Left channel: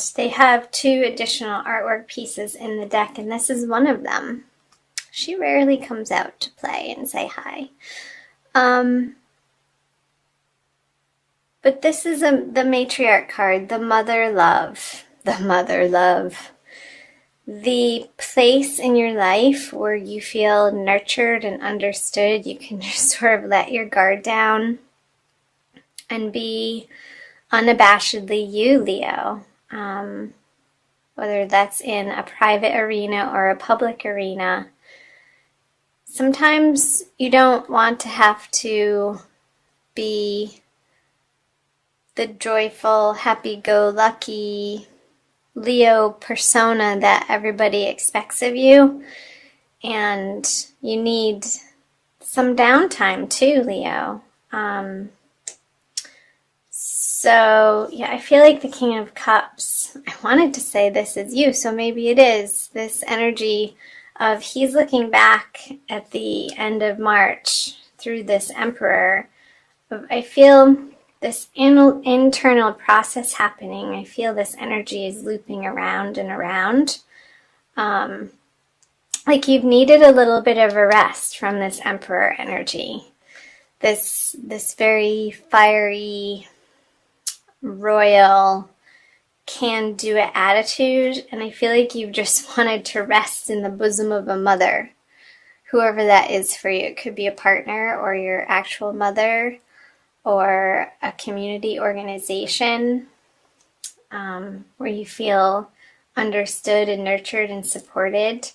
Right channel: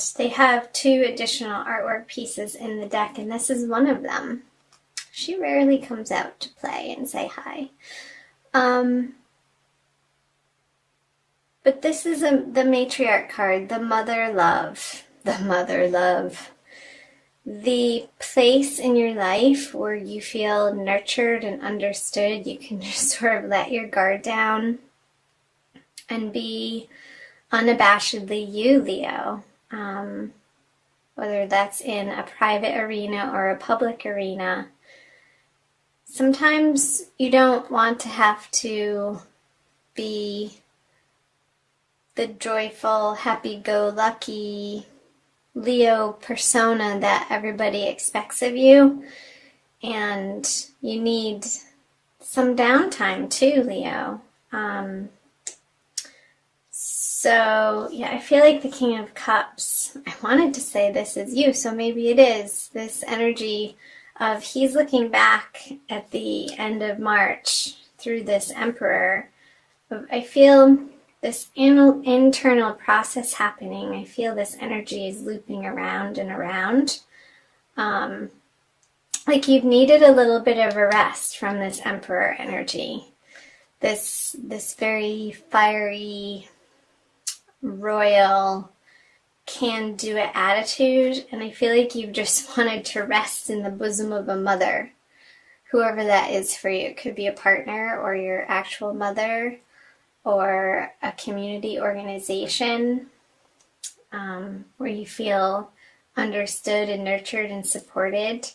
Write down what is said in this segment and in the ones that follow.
and they have 2 additional artwork pieces in the deck, and this is one of them. She rarely comes out to play and say hi. But this is the matriarch card, the mother love, the place in your life where you feel nurtured and understood. You can just sort of let your guard down and be unabashedly you, Leo. Whether that's in a private arena or a public arena. Sometimes you don't want to have to be the joyful, happy-go-lucky Leo persona that everybody expects of you. And you need some downtime too, Leo. So, yeah, I feel like the King of Cups, I wanted to say this is you, so maybe it is. This energy of he's looking back at the end of March through this Emperor. I feel this internal process happening. I feel this energy is looping around and around. Like you've needed a little bit of a rest from this Emperor energy. This very fiery, royal, can-do-it attitude, and I feel like you've just wanted to rest in the bosom of a mother, whoever that is for you. It could be a partner or your actual mother or a community organization where you feel understood and nurtured and supported.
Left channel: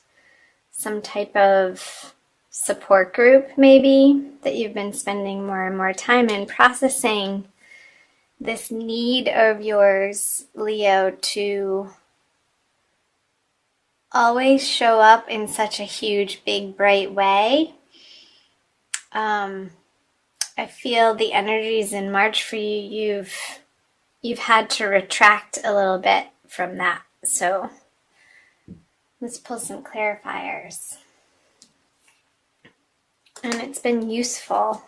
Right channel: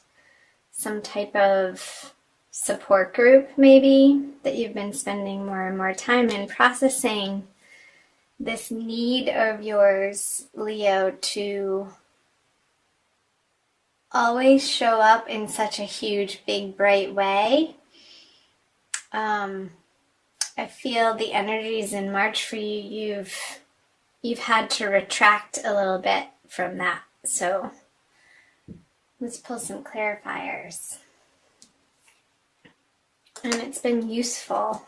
Some type of support group maybe that you've been spending more and more time in, processing this need of yours, Leo, to always show up in such a huge, big, bright way. I feel the energies in March for you, you've had to retract a little bit from that. So let's pull some clarifiers. And it's been useful.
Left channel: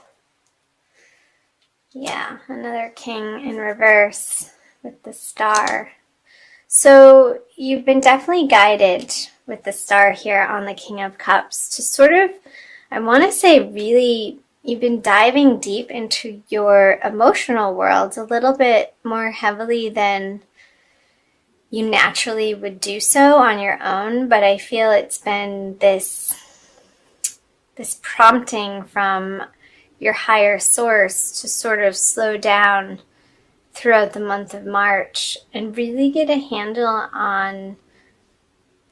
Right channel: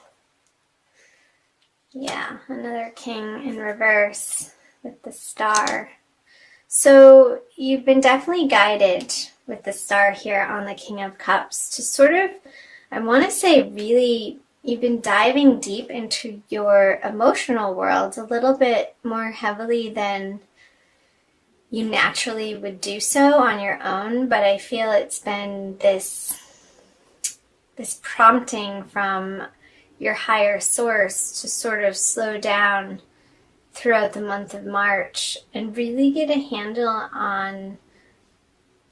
Yeah, another king in reverse with the star. So you've been definitely guided with the star here on the King of Cups to sort of, I want to say really, you've been diving deep into your emotional world a little bit more heavily than you naturally would do so on your own, but I feel it's been this prompting from your higher source to sort of slow down throughout the month of March and really get a handle on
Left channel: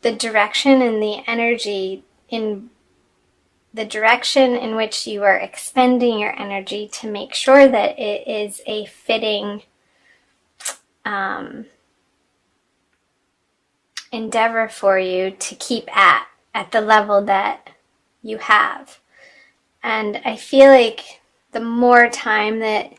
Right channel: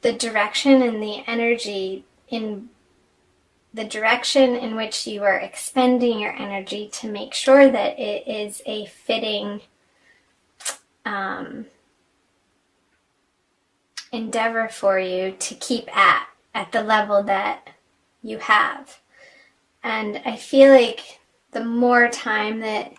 the direction and the energy in the direction in which you are expending your energy to make sure that it is a fitting endeavor for you to keep at the level that you have. And I feel like the more time that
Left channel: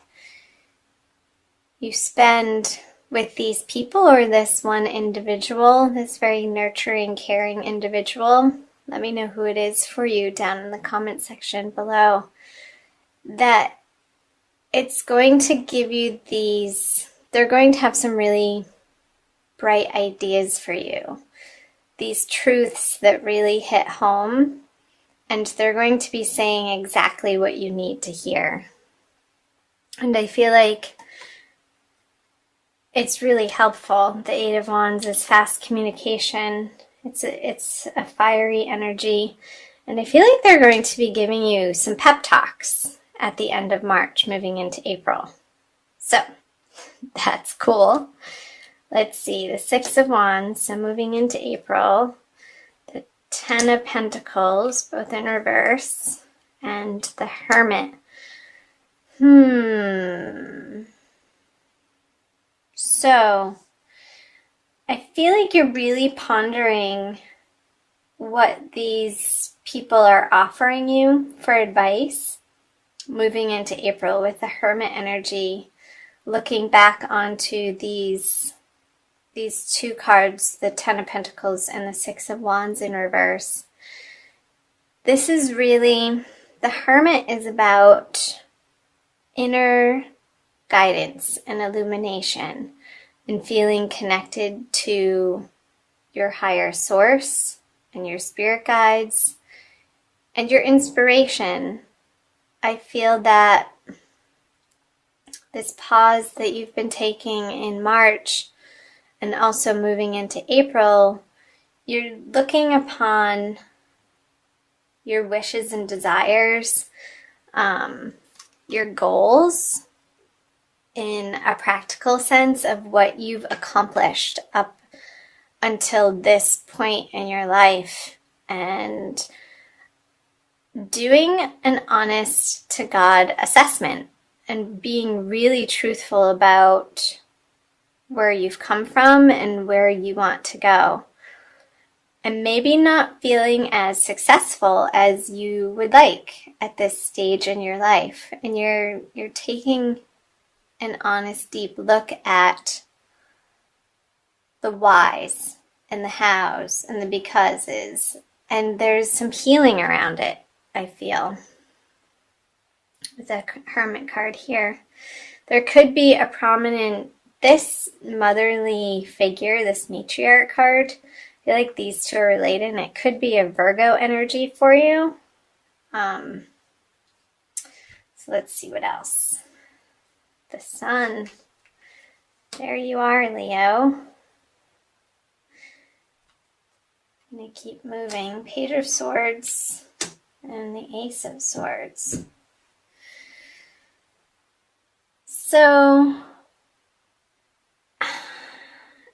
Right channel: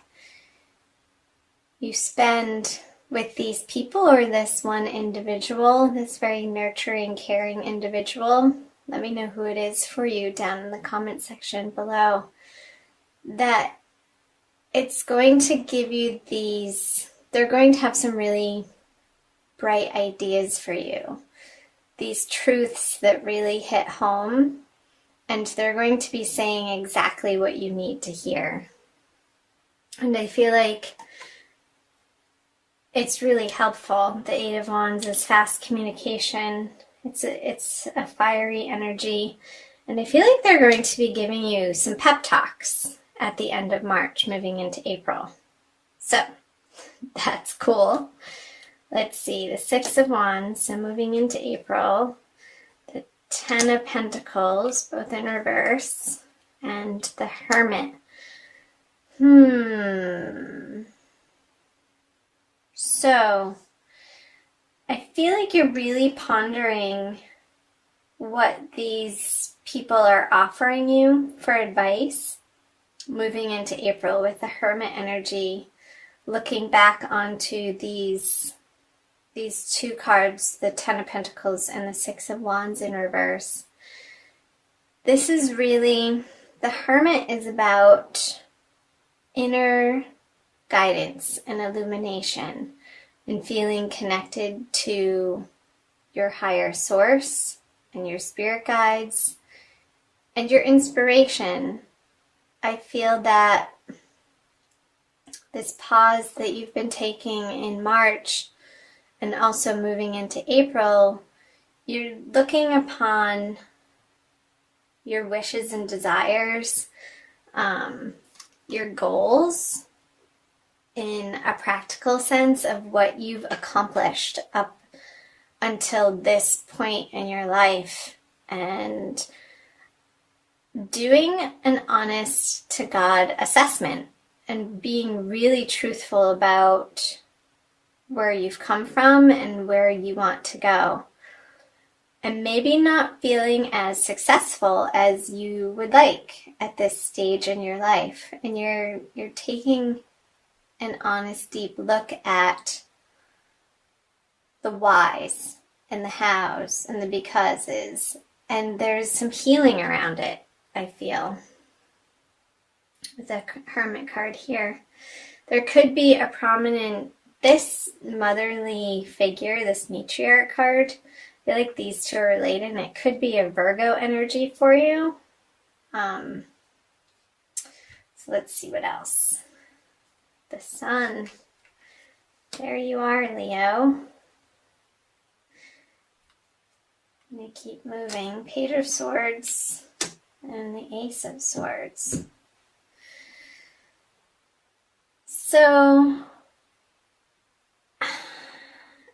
you spend with these people or this one individual, this very nurturing, caring individual, let me know who it is for you down in the comment section below, that it's going to give you they're going to have some really bright ideas for you. These truths that really hit home, and they're going to be saying exactly what you need to hear. And I feel like it's really helpful. The Eight of Wands is fast communication. It's a fiery energy. And I feel like they're going to be giving you some pep talks at the end of March, moving into April. So, that's cool. Let's see, the Six of Wands, so moving into April. The Ten of Pentacles, both in reverse. And the Hermit. So, I feel like you're really pondering what these people are offering you for advice moving into April with the Hermit energy, looking back onto these 2 cards, the Ten of Pentacles and the Six of Wands in reverse. This is really, the Hermit is about inner guidance and illumination. and feeling connected to your higher source and your spirit guides and your inspiration. I feel that this pause that you've been taking in March and also moving into April, you're looking upon your wishes and desires, your goals in a practical sense of what you've accomplished up until this point in your life, and doing an honest to God assessment and being really truthful about where you've come from and where you want to go. And maybe not feeling as successful as you would like at this stage in your life. And you're taking an honest, deep look at the whys and the hows and the becauses. And there's some healing around it, I feel. With the Hermit card here. There could be a prominent, this motherly figure, this matriarch card. I feel like these two are related, and it could be a Virgo energy for you. So let's see what else. The Sun. There you are, Leo. I'm going to keep moving. Page of Swords and the Ace of Swords. So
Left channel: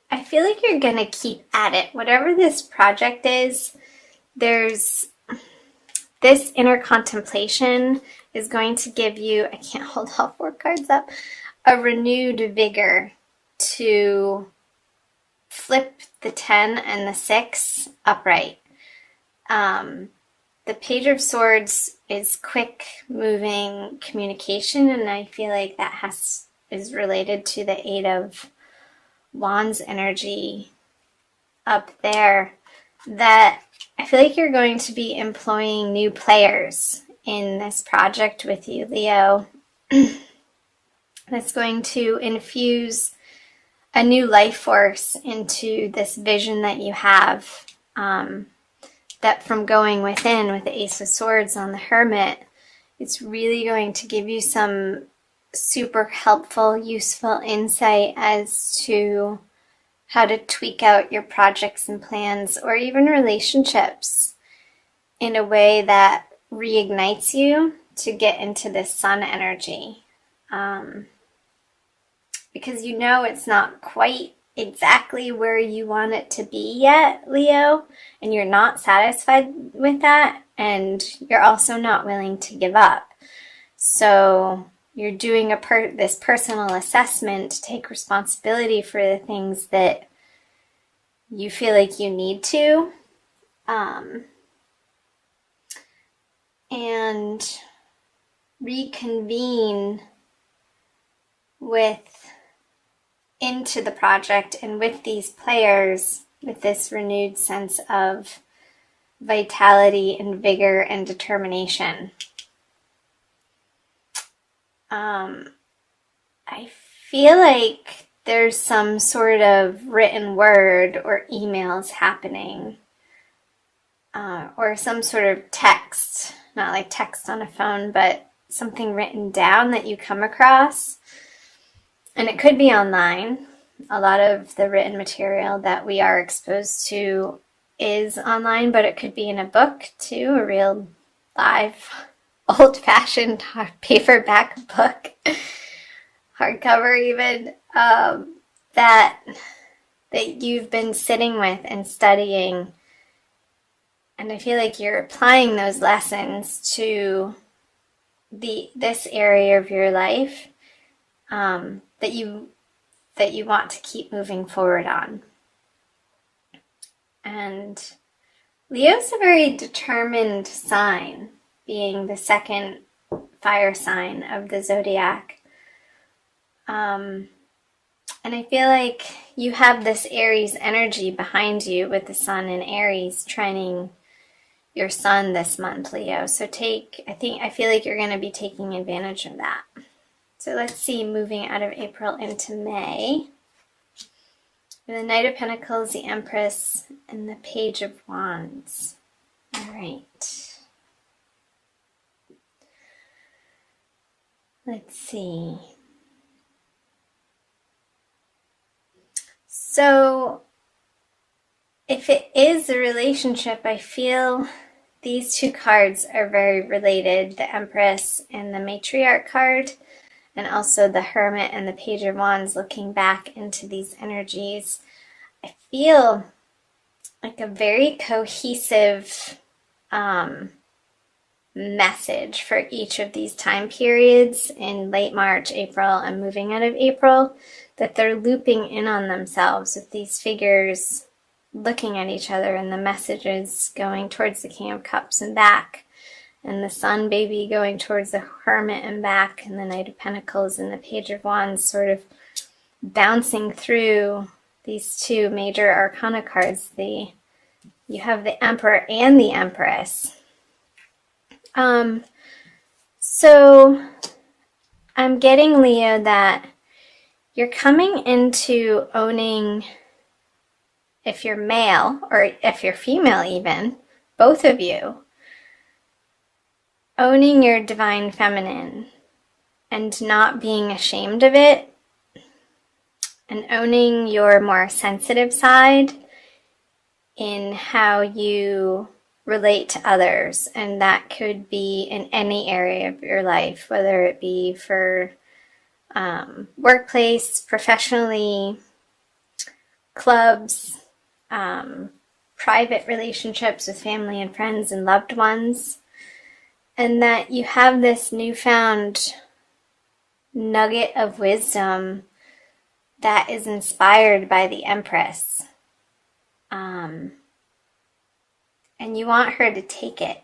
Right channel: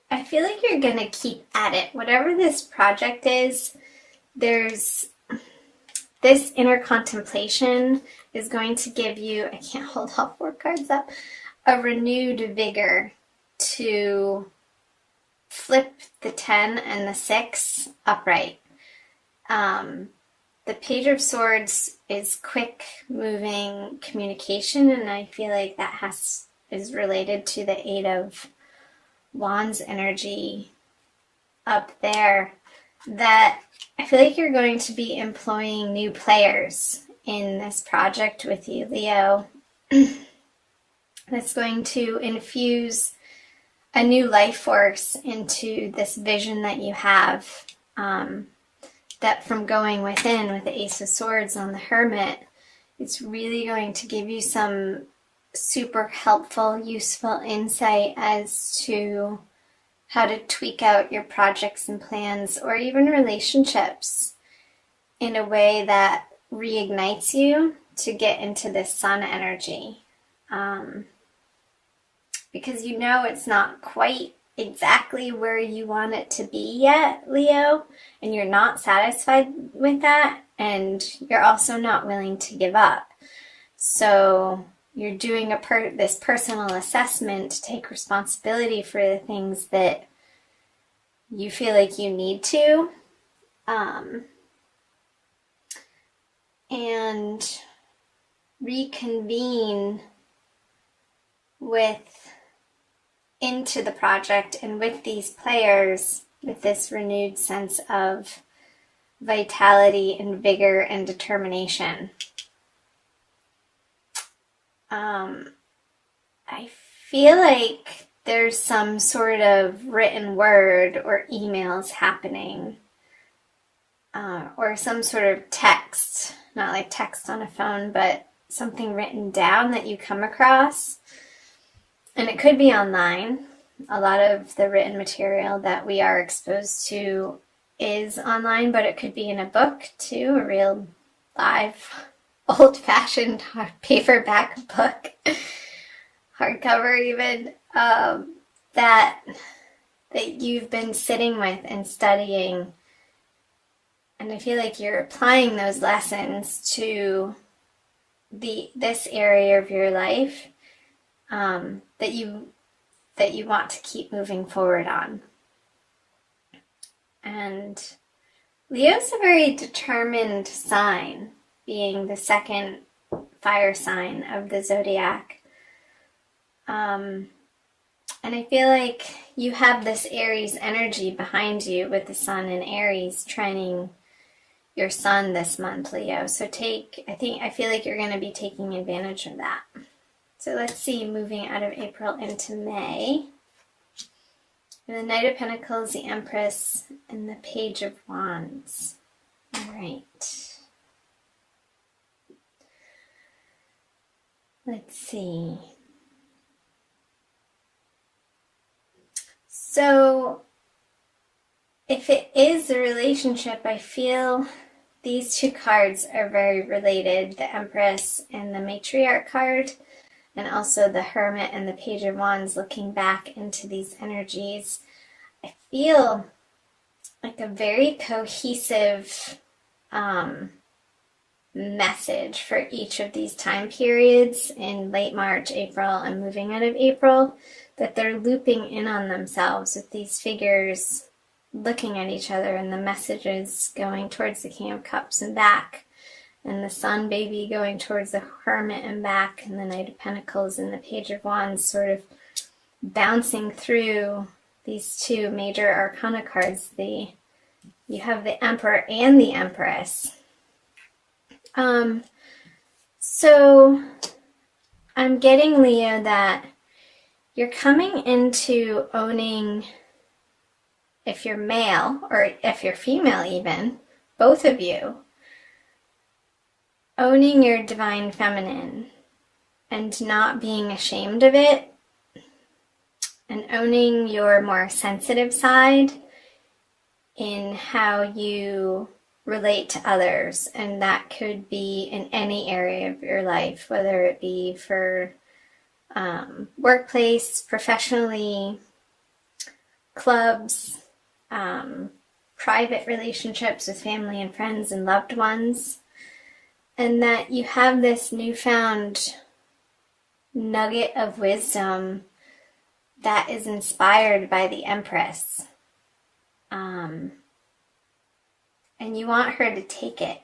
I feel like you're going to keep at it. Whatever this project is, there's this inner contemplation is going to give you, I can't hold all four cards up, a renewed vigor to flip the 10 and the 6 upright. The Page of Swords is quick moving communication, and I feel like that is related to the 8 of Wands energy up there, that I feel like you're going to be employing new players in this project with you, Leo. That's going to infuse a new life force into this vision that you have, that from going within with the Ace of Swords on the Hermit, it's really going to give you some super helpful, useful insight as to how to tweak out your projects and plans, or even relationships, in a way that reignites you to get into this Sun energy. Because you know it's not quite exactly where you want it to be yet, Leo, and you're not satisfied with that, and you're also not willing to give up. So you're doing this personal assessment to take responsibility for the things that you feel like you need to, and reconvene into the project and with these players with this renewed sense of vitality and vigor and determination. I feel like there's some sort of written word or emails happening, or some sort of text, not like text on a phone, but something written down that you come across. And it could be online. A lot of the written material that we are exposed to is online, but it could be in a book too, a real live, old-fashioned paperback book, hardcover even, that you've been sitting with and studying. And I feel like you're applying those lessons to this area of your life, that you want to keep moving forward on. And Leo's a very determined sign, being the second fire sign of the zodiac. And I feel like you have this Aries energy behind you with the Sun in Aries training your Sun this month, Leo. So I feel like you're going to be taking advantage of that. So let's see, moving out of April into May. And the Knight of Pentacles, the Empress, and the Page of Wands. All right. Let's see. So, if it is a relationship, I feel these two cards are very related, the Empress and the Matriarch card, and also the Hermit and the Page of Wands. Looking back into these energies, I feel like a very cohesive message for each of these time periods in late March, April, and moving out of April, that they're looping in on themselves with these figures looking at each other, and the messages going towards the King of Cups and back, and the Sun baby going towards the Hermit and back, and the Knight of Pentacles and the Page of Wands sort of bouncing through these two major arcana cards. You have the Emperor and the Empress. So I'm getting, Leo, that you're coming into owning, if you're male or if you're female even, both of you, owning your divine feminine and not being ashamed of it, and owning your more sensitive side in how you relate to others. And that could be in any area of your life, whether it be for workplace, professionally, clubs, private relationships with family and friends and loved ones. And that you have this newfound nugget of wisdom that is inspired by the Empress. And you want her to take it.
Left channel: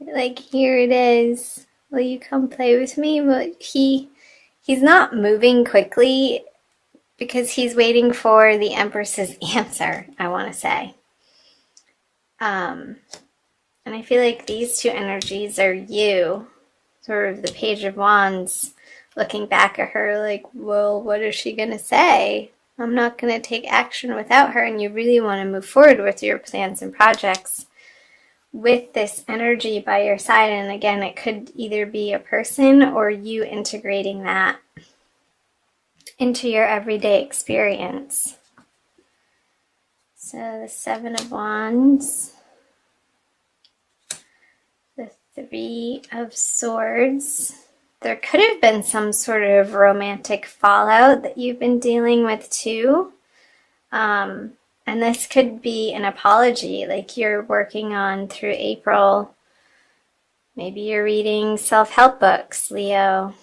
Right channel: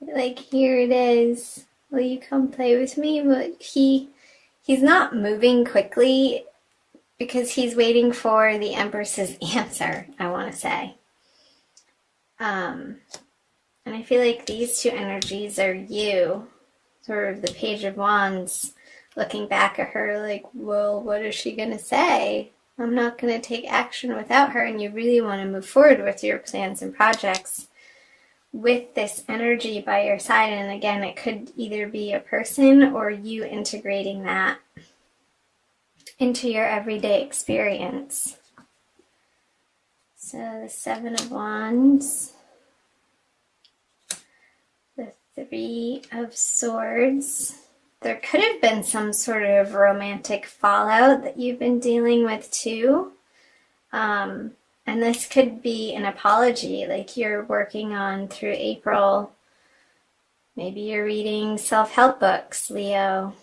Like, here it is. Will you come play with me? But he's not moving quickly because he's waiting for the Empress's answer, I want to say. And I feel like these two energies are you, sort of the Page of Wands, looking back at her like, well, what is she going to say? I'm not going to take action without her. And you really want to move forward with your plans and projects with this energy by your side. And again, it could either be a person or you integrating that into your everyday experience. So the Seven of Wands, the Three of Swords. There could have been some sort of romantic fallout that you've been dealing with too. And this could be an apology, like you're working on through April. Maybe you're reading self-help books, Leo,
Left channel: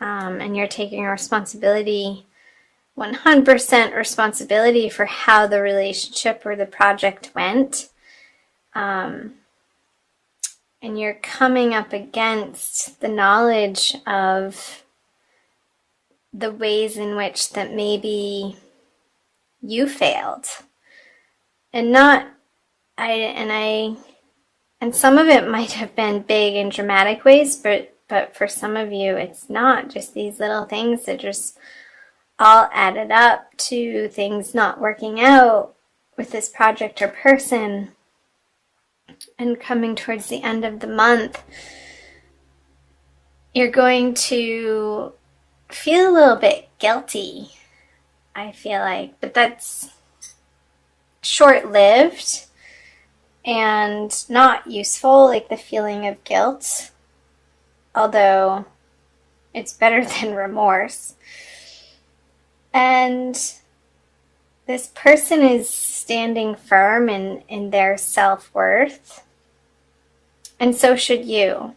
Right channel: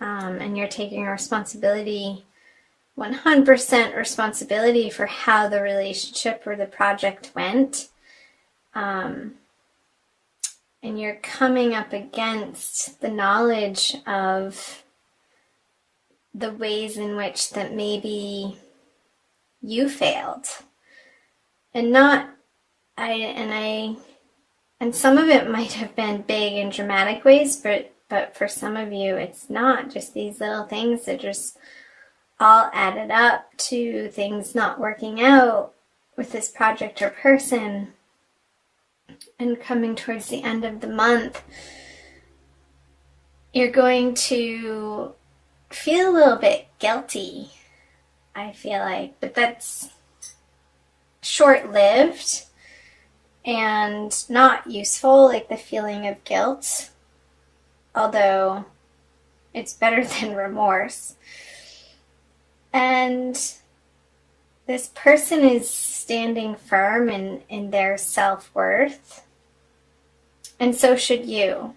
and you're taking responsibility, 100% responsibility for how the relationship or the project went. And you're coming up against the knowledge of the ways in which that maybe you failed. And some of it might have been big and dramatic ways, but for some of you, it's not. Just these little things that just all added up to things not working out with this project or person. And coming towards the end of the month, you're going to feel a little bit guilty, I feel like. But that's short-lived and not useful, like the feeling of guilt. Although it's better than remorse. And this person is standing firm in their self-worth. And so should you.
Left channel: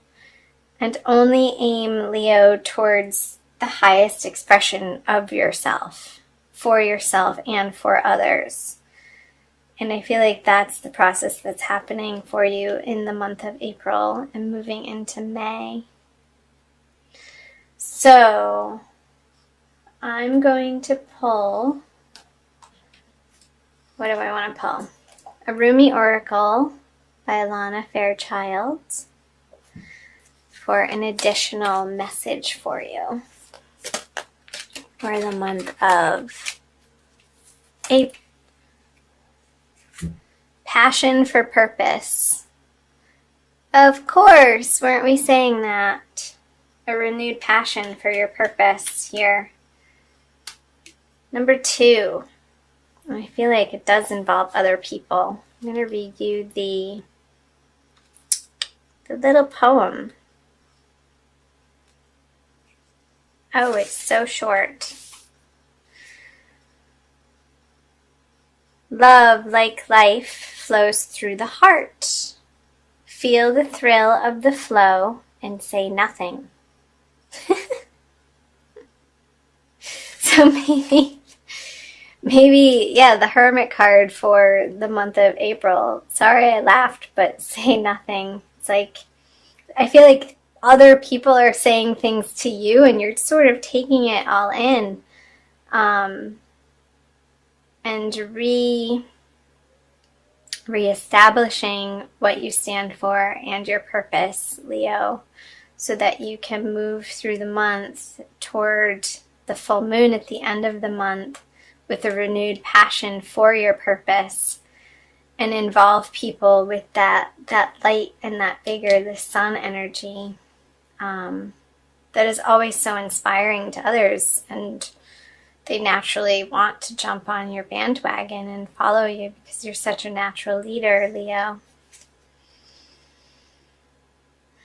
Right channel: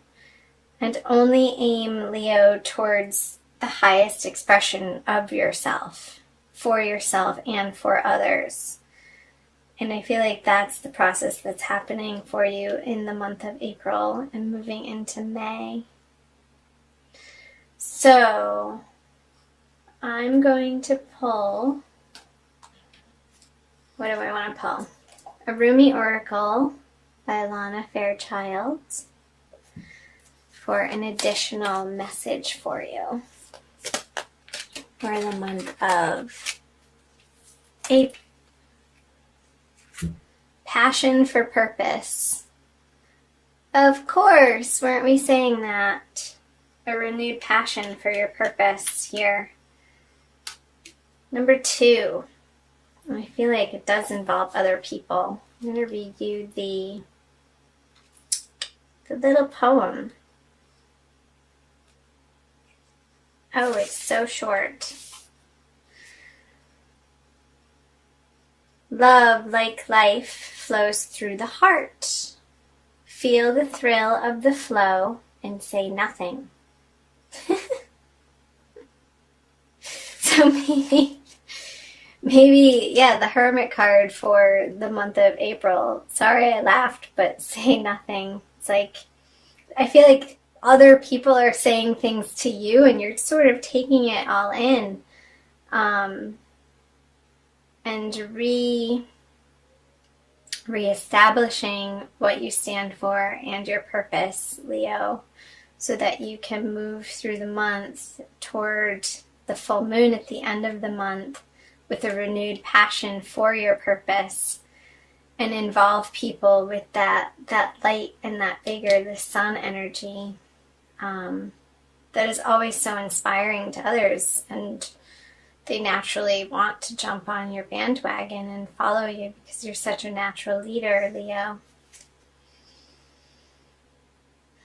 And only aim, Leo, towards the highest expression of yourself, for yourself and for others. And I feel like that's the process that's happening for you in the month of April and moving into May. So I'm going to pull, what do I want to pull? A Rumi Oracle by Alana Fairchild for an additional message for you for the month of A passion for purpose. Of course, weren't we saying that? A renewed passion for your purpose here. Number 2. I feel like it does involve other people. I'm going to read you the little poem. Oh, it's so short. Love, like life, flows through the heart. Feel the thrill of the flow and say nothing. So maybe, yeah, the Hermit card for the month of April. Sorry I laughed, but say nothing. It's like, I feel like other people are saying things to you and you're sort of taking it all in. And reestablishing what you stand for and your purpose, Leo, so that you can move through the month toward the full moon at the end of the month with a renewed passion for your purpose, and involve people with that light and that vigor, the sun energy, that is always so inspiring to others, and they naturally want to jump on your bandwagon and follow you because you're such a natural leader, Leo.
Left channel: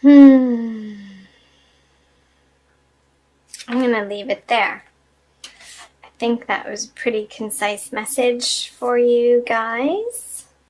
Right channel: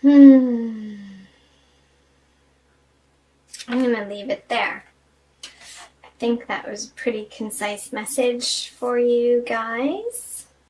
I'm going to leave it there. I think that was a pretty concise message for you guys.